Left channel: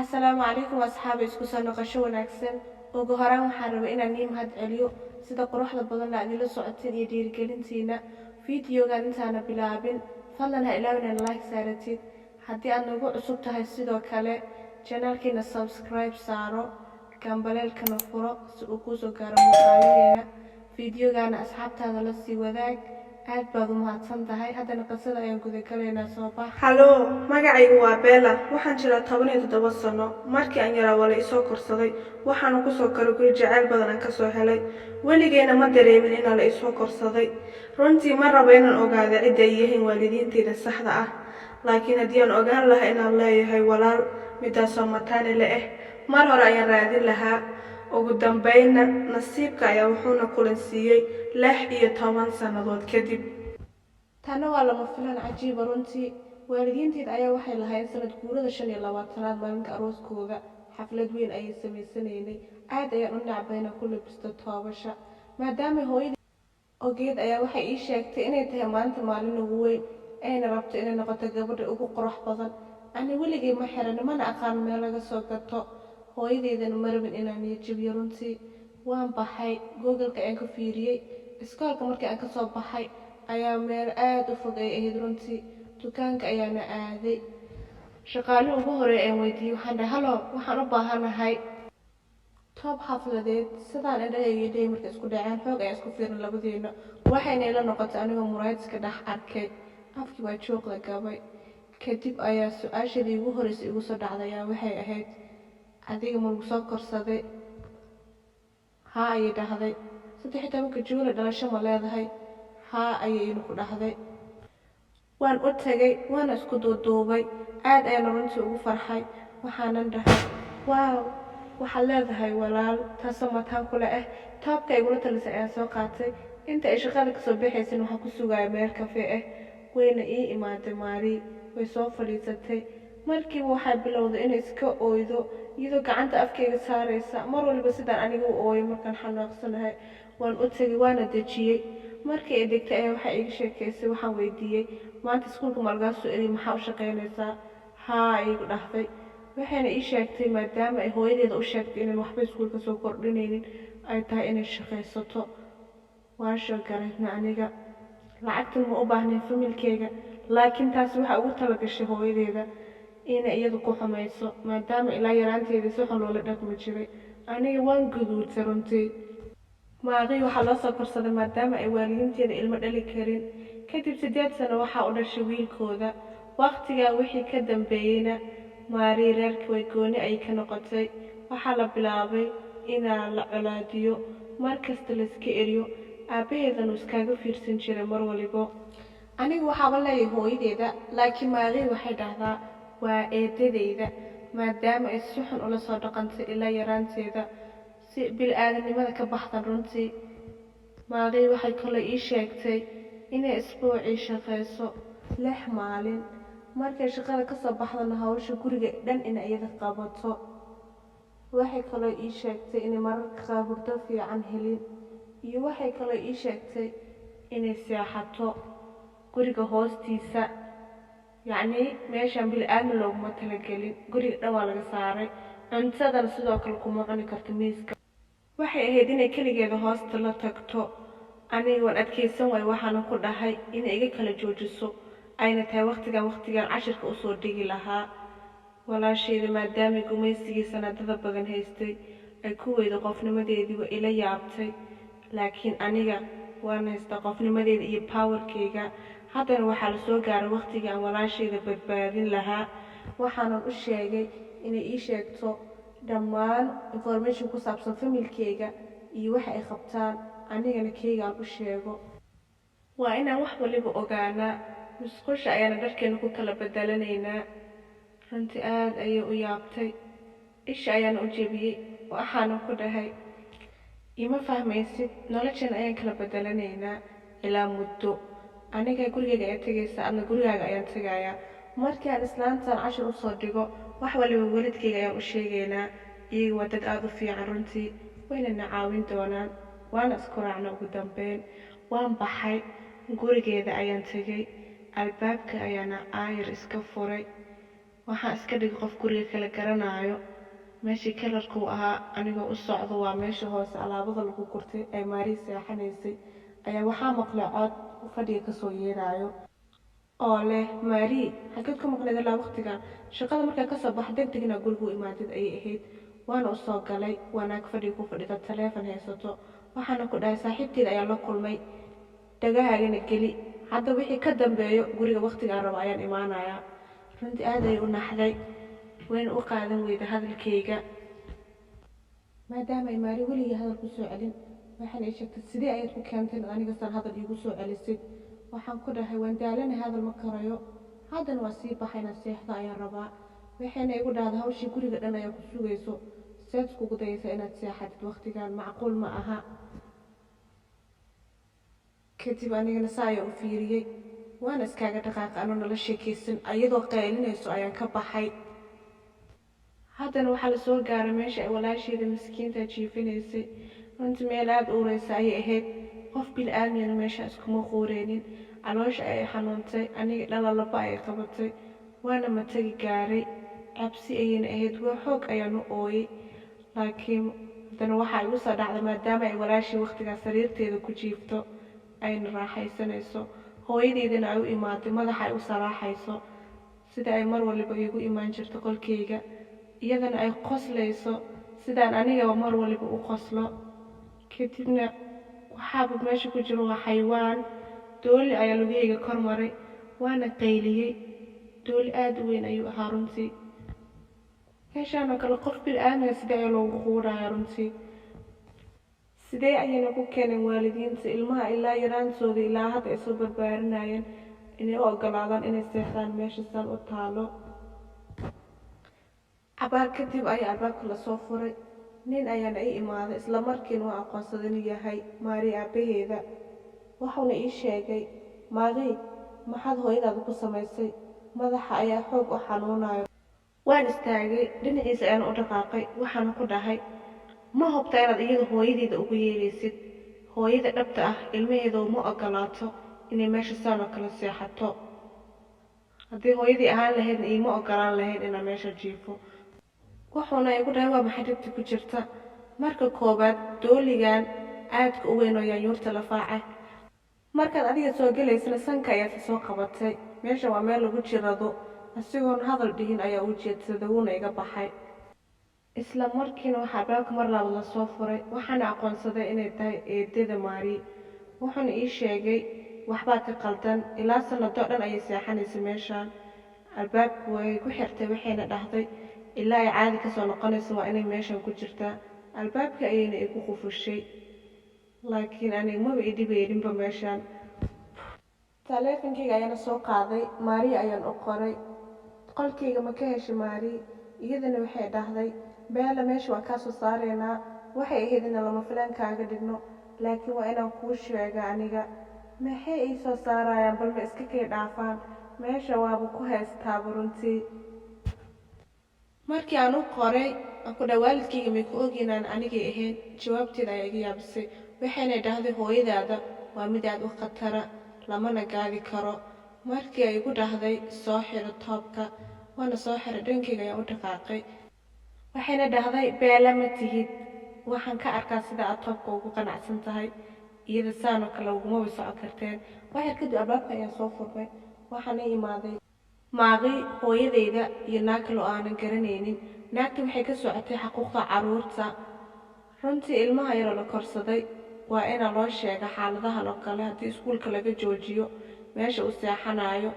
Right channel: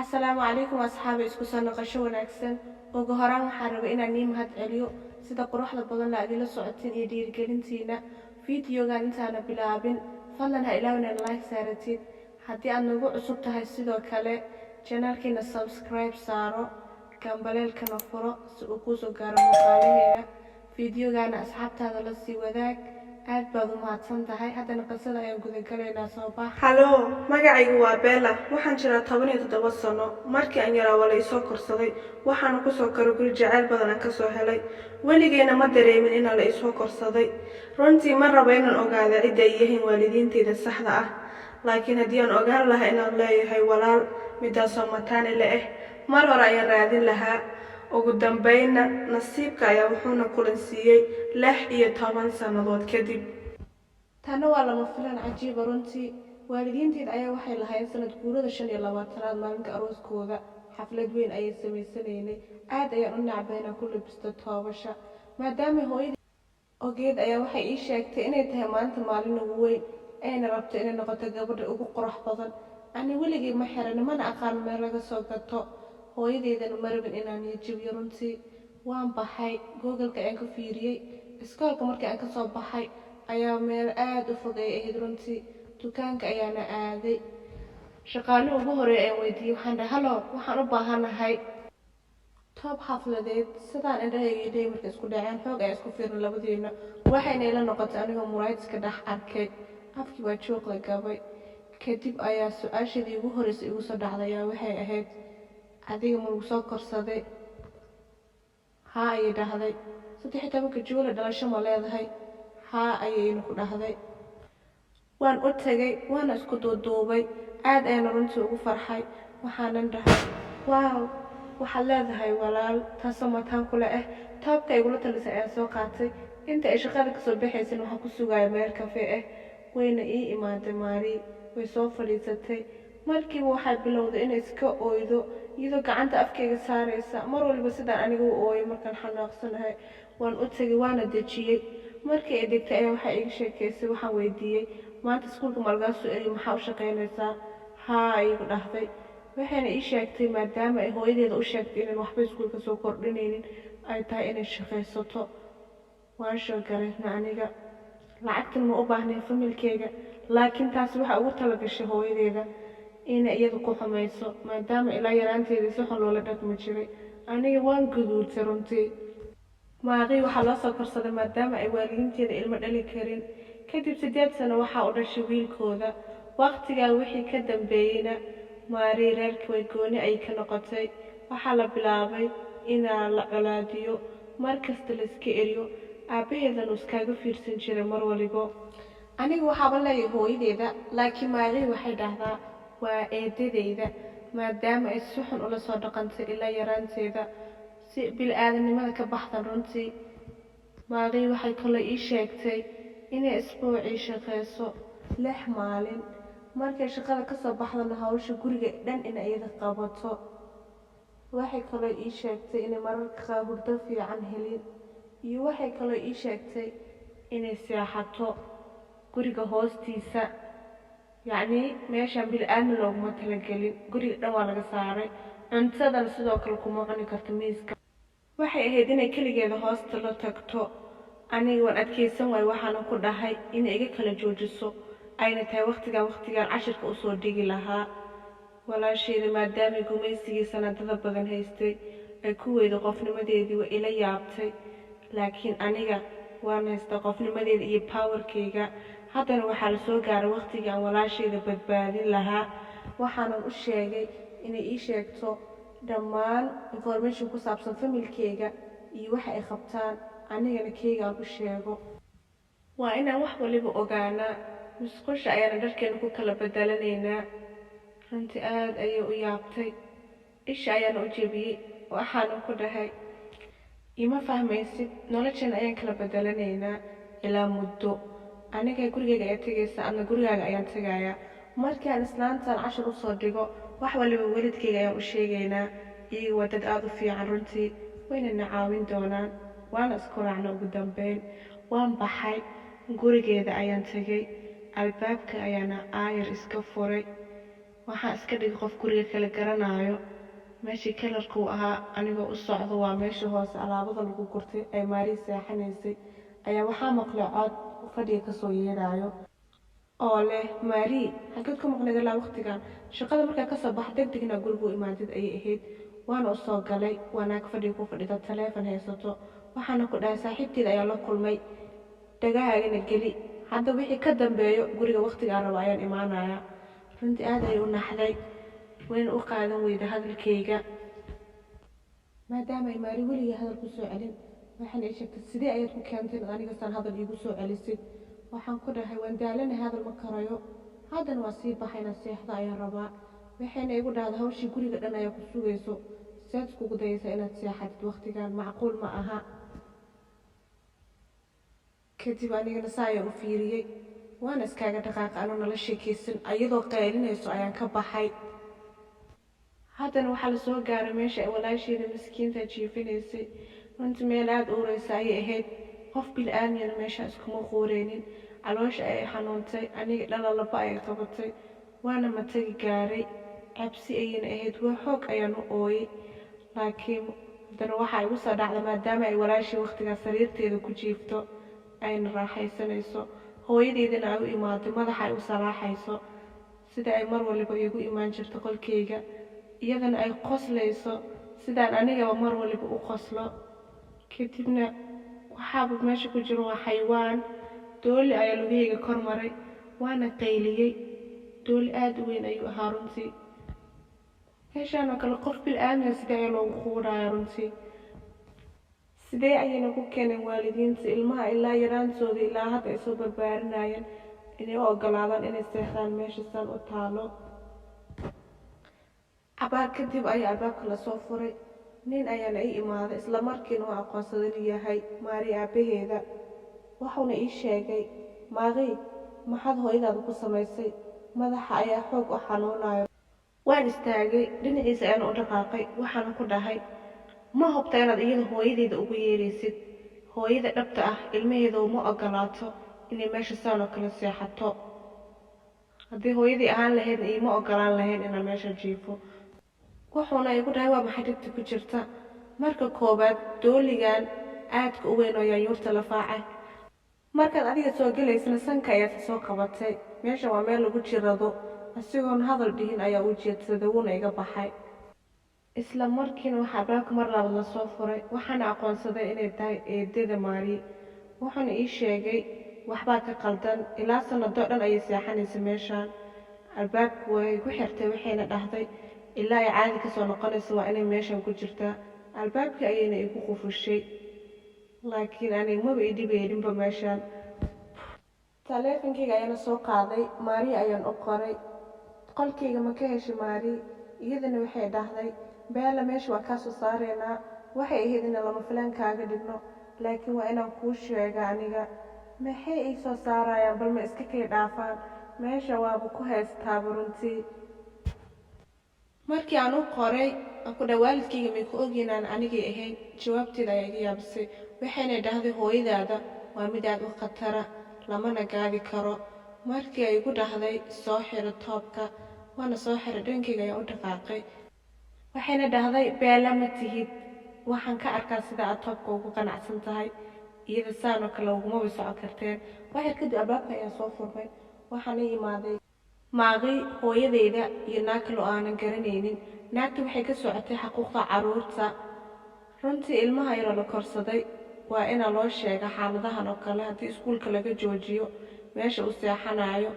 Asalaamu calaykum asxaabi isku soo noqosho wanaagsan. Ugu horaan waxaan rabaa inaan nii mahad celiyo sida quruxda badan la idila socotiin iyo dhiirigelintiina. Fiidiyogan intaana bilaabin, fadlan ha ilaawin inaad like saaratid. Haddii aad nagu cusub tahay sidoo kale, channelkeena subscribe saaro, gambaleelkana furo si uu kuu soo gaaro muuqaalaheena. Fiidiyogana asxaabtaada la sii wadaag. aad baad u mahadsan tahay. Haddana qisada ayaan guda galaynaa soo bax. Hallo, magacaygu waa Bella. Waxaan jiraa 17 sano. Markii aan yaraa wala isoo korsaday, waxaan ku soo koray guri jacayl badan aan ka soo helay. Weligeena ma dareemin in la isoo korsaday. Runtii ma rabo inaan ogaado cid ay yihiin waalidiintayda saxda ah. Laakiin haddii aan ogaan lahaa inaan leeyahay walaal midaasoo mataane leh, mar hore ayaan raadin lahaa. ugu dambeynna nasiibka ayaa wuxuuna kulansiiyay 16 sanadood kadib. Tana waa lama filaan cajiib runtii. Waalidiinteed ayaa waxay lahayn sanad guurada 25aad maalinka arooskooda. Xaflad weyn ayay sameysanaynay. Aad ayaan u nacbayna ku labisto toobasha. Maadaama hooyadii ogeed ayaa waxay ii sheegtay inay tahay maanta maalin ugu weyn, ayna rabto inay noqoto gabadha ugu qurux badan. Ani weligay ma xiran mana aqaan meel laga soo gato. hooyadeedana ma rabin inaan jabiyo runtii. waan baxay Google-ka ayaan ka fiiriyay. Iskoolka markii aan ka soo baxay ayaa meel aad u fog ay ahayd runtii. Dukaanka ayaana aaday. Shaqaalihii ugu horeeyay ayaan weydiiyay, waxaan dhahay hallo, waxaan u baahanahay toob xafladeed. sidaan indhahayga idhay markay isku dhaceen xoog ayaan isku fiirin labadeena. waxayna ila noqotay anigoo muraayad iska dhex arkay. afkii waa joog la gabay. kadib ayaa su-aashadii ugu horeysay igu soo dhacday ayaa waxay ahayd, adiga ma lagu soo korsaday? haa ayay dhahday. 13 Juule dhalasho ma leedahay? haa ayayna ku dhahday. waan u tagay waana isku duuduubay. aad ayaan runtii ugu farxay. waxaanan dhahay waaw, waxaad leedahay walaal taasoo mataan kule ah. toobka igula talisay ayaan soo qaatay. inta ay shaqada ka soo baxaysan waxaan ku sugaya meel kafe ah. wayna ii imaaday Maari. way soo fadhiisatay. markiiba waxay bilowday inay iska ooydo iyadoo gacanta afkayga saaraysa. mar walba sidaan anigu u ooyo markaan xanaaqsanahay. waan u tagay waana dejiyay. markii ay degtay ayaa waxay iga sheekaysay. waxaan weydiiyay, maanta iskuulka ma lagaa soo eriyay, maxaa u shaqaynaysaa? haa ayay ku dhahday. waxayna ii sheegtay maadaama ay hooyadeeda u sheegtay inaan waxba iskuulka soo kordhinaynin ay tahay inay shaqaysato. waan shaqareysnay aniga. lacagtan ma u baahnayn familkayga, laakiin taasi waxa ugu talagashay hooyadeeda inay iyadu ku xumayso maadaama ilaa yaraanteedii si xun loola dhaqmi jiray. aniga waan guduutay runtii. Maari waxaa loo soo korsaday maadaama ay waalidiinteeda ilmo dhali karin. kadib 8 sano waxaa u dhashay wiilkooda. waqtigaa wixii ka dambeeyayna Maari reerkii way gooni ay ka noqotay. waxaa la bilaabay inaa la colaadiyo, markasta la iska eriyo. aabaheedana uu iskaga fiirsan jiray mar waliba. aniga waxaaba leeyahay hooyadeeda, laakiin Maari waxay dhahdaa waa eedadeyda maadaama ay si xun ula soo dhaqantay ilaa yaraanteeda si bil-aadanimada ka baxdan runtii. Maari waxay kale ii sheegtay inay isbuucii shaqayso 6 maalin. markay shaqada ka soo baxdana hawsha guriga dhan in iyada qabato. waxay kale ii sheegtay inay mararka qaar hurdo fiican helin. iyo waxay kale ii sheegtay inay seexato guriga hoostiisa. yacni meeshaan bil-aadan looguma talagelin. guriga dhan waa laga saaray. cuntadana sidoo kale kuma cuni karto miiska. waxay ahayd inay keligeeda hoosta la tagto. aniga waan adkaysan waay. waxaana ku dhahay inay iga kala joojiso ayna tahay waqtigan cashirka usoo dhigi lahaa. walaasheeda maadaama gumaysigii sanadada badan haystay ay ku weydo qofnimadeedii waa ila yaabtay. laakiin aniga waan haystaa qofnimadeeda iyo powerkayga. haddana waxaa la soo gaaray waqtigii aan walaasheeda badbaadin lahaa. waxaanan u sheegay inay ii sheegto dhammaan information ku saabsan familkayga iyo waxa ay qabtaan. anigana kayga aan u sheego. waa inaan wax waliba ogaanaa. musqusha ayaana dharkeena ku kala bedelanaynaa. runtii aad ayay u yaabtay. isha ayaana u jebiyey. waxaanan ku dhahay ima fahmaysid, nolosheena ayaan kala bedelanaynaa ilaa muddo. aniga gurigayga ayaa tegaysa, adna gurigaaga ayaan tegayaa. markii aan islaantan cashir usoo dhigo wax waliba waalidkayga ayaan u sheegaynaa. iyaga waa dad aad u fiican runtii, wayna na caawin doonaan. waana isku raacna ugu dambeyn. waan baxay gurigeeda ayaan tegay. albaabka ayaana aayar iska furay. waxaan iska dhigay qof guriga kala garanayo. meeshii kalarku ahaa anigoo u socdo waa meeshii hoose alaabada lagu gurtay ay Maari seexanaysay ayaa waxaa maqlay cod fadhiga kasoo yeedhayo oo leh Maari xageed ku maqnayd ilaa waqtigan shaqada markaa kasoo bax degdegna gurigu imaadid ayay ahayd. waana u soo galay wanaag fadhiga ku fadhida taleefan haysato waxaana ku dhahay saaxiibteed ayaa la kulmay dhagahaagana geli hadda wixii ka dambeeyo guriga waqtiga raba ayaan imaanayaa. runtii aad ayay u naxday wayna u qaadan weyda hadalkayga maadaama ay Maari weligeed hadal ku soo celin. waxaan ay sheegtay sidee ayaad ku keentay in aniga san hadal iigu soo celisid. waxaan ku dhahay waan daalanahay hadal ma karayo haddana waa sii baxayna seexda ayaan rabaa. waxayna igu dhahday hawshii guriga dhan ayaa ku sugayso seed iskugu dayaysa inaad seexatid waqtigan macquul ma aha. kadib anigana saa ayaan u fiiriyey waana iskaaga dhaqaaqay anoo nala sheekaysan ayadoo qaylinayso ayaan ka baxay. haddana waxaa la soo gaaray meesha ay walaasheeda miskiinta jiifinaysay. runtii meel aad u ureysa ayay ahayd qof bil'aadmiyana meesha iskuma quureynin. caloosha ayay xanuuntay aniga dhalalaba ayay qabatay waana matagi gaaray cabsi ayayna ahayd waa xoog ayaan u ooyay. laakiin haddana waxaa igu soo dhacday maadaama ay walaashii waqtigaa sariirteeda ku jiifto ayna raaxaysanayso hooyadeydana ay u imaaday madaxa ay u salaaxayso sida ay mar waliba iigu imaan jirto qolkayga iyadana ay qoslayso sidaan anigaba mar waliba u qoslo. kadibna waxaaba meesha ku jiro waa xayawaan dooli ayaa lugahayga kor maray waana qayliyey. dooli aad u weyn ayuu ahaa runtii. meeshaan oo kale qof bil'aadmiga sidee ayaa loogu quudhaya runtii. sidee ayayna ku keeneen waalidiinta ilmaha ilaa yaraantooda ilaa hadda ay soo barbaarinayeen inay u ogolaadaan inay seexdaan meesha saan u taalo. cabaar kadib ayaa albaabka lasoo furay nin ayaana ii imaaday isla markiina waa aqoonsaday inuu yahay Maari aabaheeda. wuxuuna ii sheegay Maari maxaad hooyadaada ku samaysay madaxa ayaa xoog u xanuunayo. waan istaagay dhinaciisa ayaan u dhaqaaqay waxaana ku dhahay ma hubta inaad iyada hooyadeeda ugu yeeraysid. hooyada dhabta ah ilmaheeda uma ogolaato inay meesha saan oo kale seexato. haddii hooyadii ahaan lahaydna iima ogolaan lahayn inaan meesha jiifo. wuxuuna igu dhahay waa maxay dhibta ku jirta. marka koobaad dooligan aadka u weyn oo yaanyuurta lafaaca markaad adiga soo gelaysana sanka ayaad soo qabatay. meesha waa meel lagu jirado asigoon hadal dhihin ayaa u jeedsaday wuuna iga baxay. isla markiina waxaa albaabka mar labaad lasoo furay waxaana aqoonsaday inay tahay eedada Maari. wuxuuna ii sheegay waxbaa ka qaldan ilaa sanadoo dhan ayay seexanaysa meeshaan. albaabku way ku xirtay waxayna dhahday ilaa ay caadi kasoo noqonayso waa inay meeshan ku jirtaa. albaabkii ayayna igu qufushay laakiin aniga maba i dhibayninba meeshaan. taleefankayga ayaana soo qaaday Maari ayaan u qoray qolkayga ma ka heshay Maari. iyadana waxay dhahday beela meesha waan kaa soo saareynaa waxay ahayd in lama filaan kaaga dhigno laakiin waa inaan kuu sheega aniga. maxay ii soo saarayaan bal ma iska kay dhaafaan meesha waaba ku haystaaba runtii. markii aan u qoray ku dhawaalidkayga may ku ogeynaan anigay ahayn jawaabteeda ayaa iga yaabisay. waxayna dhahday hooyadaada waa mid aad u khatara lamana gaadi karo. markii ay igu dhahday soo xiro toobka waana soo xiray dhankayga ayaan u dhaqaaqay. waxayna dhahday beela ma tihid waxaan ka arkaa sida aad toobka ugu qanacsan tahay iyada saanoo kale ugumaba socon karteen. waxyar kadib albaabka ayaa soo furmay waxaana imaaday Maari hooyadeyda iyo naag kale oo aanan garanaynin. naagta waxay ka socotay xuquuqda carruurta. runtii ilmaha yaroo la korsaday waa ina loo sheega xaaladahan oo kale haddii iskuulka laga joojiyo meesha uu seexanayo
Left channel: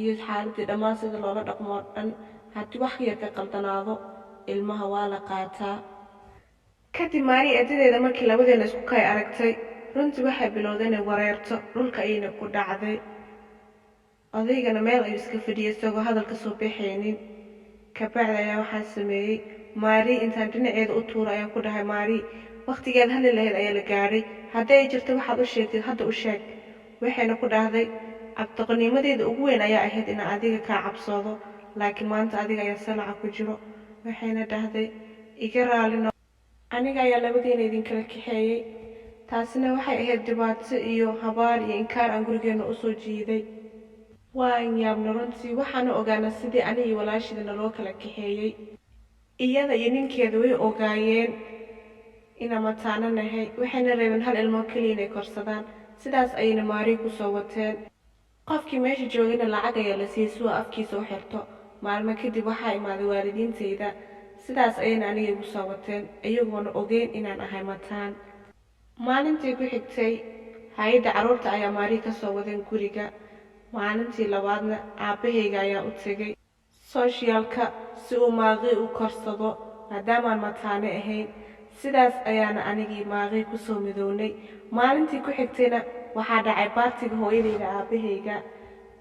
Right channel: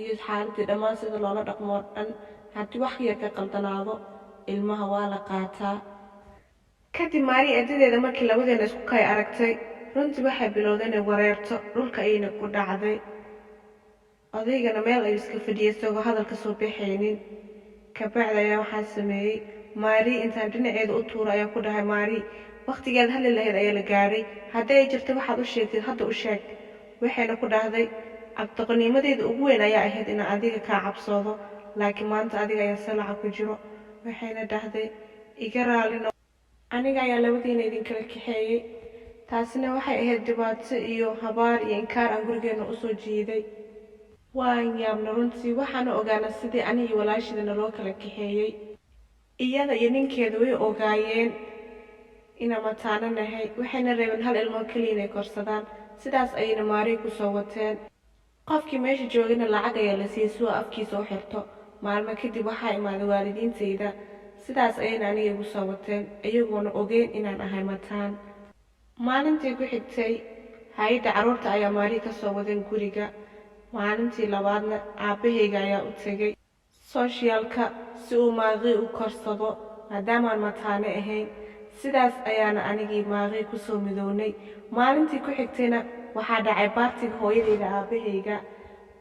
iyo xaaladii dhammaan sida loola dhaqmo dhan. haddii wax yar ka qaldanaado ilmaha waa la qaataa. kadib Maari eedadeeda markii labadeena isku kay aragtay runtii waxay bilowday inay wareerto dhulka ayayna ku dhacday. odaygana meel ayuu iska fadhiyay isagoo hadalka soo bixaynin. kabacdi ayaa waxaan sameeyey Maari intaan dhinaceeda u tuuro ayaan ku dhahay Maari waqtigeeda hadli lahayd ayaa la gaadhay haddii ay jirto waxaad u sheegtid hadda u sheeg. waxayna ku dhahday cabdiqaniimadeeda ugu weyn ayaa ahayd inaan adiga kaa cabsoodo laakiin maanta adiga ayaa salaca ku jiro. waxayna dhahday iga raalino aniga ayaa labadeena idinkala kaxeeyey. taasina waxay ahayd dhibaato iyo habaar iyo inkaar aan gurigeena usoo jiiday. waan yaabna runtii waxaana ogaana sidii ani iyo walaashida naloo kala kaxeeyey iyada iyo ninkeeda way ogaayeen inaan mataano nahay waxayna reebeen hal ilmo kaliya inay korsadaan sidaas ayayna maari ku soo wateen qofkii meesha joogayna lacag ayaa la siiyey si uu afkiisa u xirto maalmo kadib waxaa imaaday waalidiintayda sidaas ayayna aniga igu soo wateen iyagoona ogeyn inaan ahay mataan maalintii ku xigtay hay'adda carruurta ayaa maari ka soo wadeen guriga maalintii labaadna aabahayga ayaa u tegay sooshiyaalka si uu maaqii u korsado maadaamaan mataane ahayn sidaas ayaana anigii maaqii kusoo midownay maalintii ku xigtayna waxaa dhacay baartiga hooyadayda aabahayga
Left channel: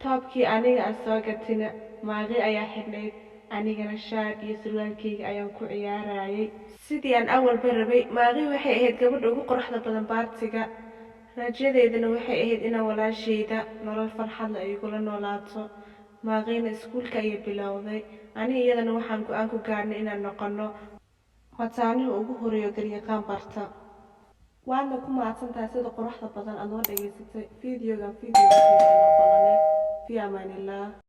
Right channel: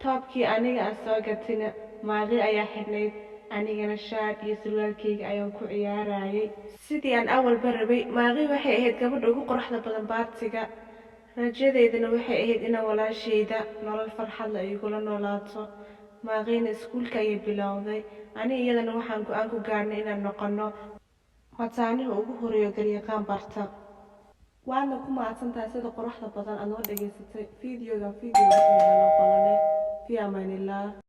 toobkii aniga aan soo gatina maaqii ayaa xidhnayd anigana shaar iyo surwaalkayga ayaan ku ciyaarayay sidii aan awalba rabay maaqii waxay ahayd gabadha ugu quruxda badan baartiga rajadeydana waxay ahayd inaan walaashayda nolol farxad leh igula noolaato maaqiina iskuulka ayay bilowday ani iyadana waxaan go'aan ku gaarnay inaan noqono mataanaha ugu horeeyo garyaqaan barta waadna ku mahadsantahay sida quruxda badan aad noo dhageysatay fiidiyoga fi amaanillah